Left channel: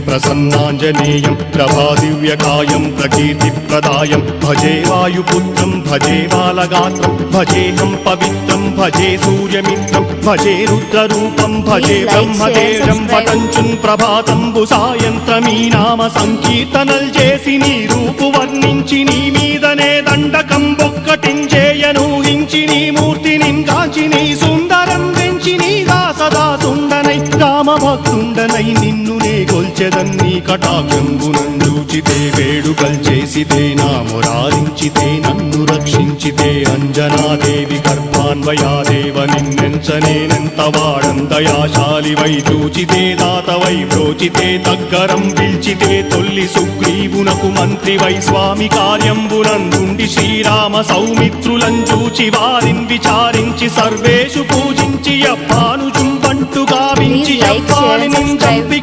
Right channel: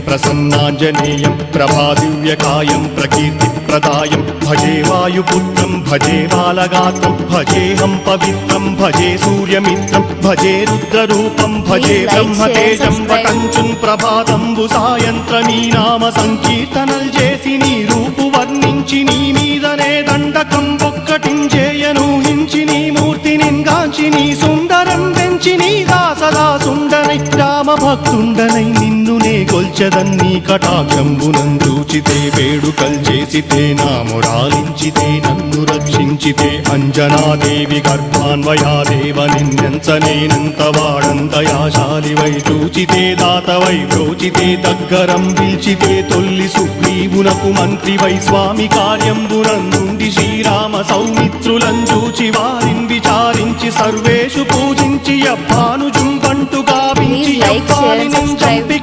ప్రసన్నాంజనేయం ప్రభాదివ్యకాయం ప్రకీర్తిప్రదాయం భజే వాయుపుత్రం భజే బాలగాత్రం భజేనం పవిత్రం భజే సూర్యమిత్రం భజే రుద్రరూపం భజే బ్రహ్మదేవం. ప్రపంచం ప్రభాతంబు సాయంత్రమీ నామ సంకీర్తనల్ చేసి నీ రూపు వర్ణించి నీ మీదనే దండకం ఒక్కటించేయను హించి నీ మూర్తి నింగాచి నీ సుందరం పెంచి నీ సదా సుందరై రామభక్తుండనై నిన్ను నే కొల్చెదన్నీ కటాక్షంబునందూచితే వేడుకల్ చేసితే నా మురారించితే నన్ను రక్షించితే అంజనాదేవి గర్భాన్వయాదేవ నిన్నెంచనేనంత వాడంతయాశాలి వై చూచితే దాతవై ప్రోచితే దగ్గరం పిలిచితే తొల్లి సుగ్రీవునకు మంత్రి వై స్వామి కార్యంబునందుండి శ్రీరామ సౌమిత్రులం చూచి వారిని విచారించి సర్వేషు పూజించి అప్పాను చుంబంటు గావించి Please like,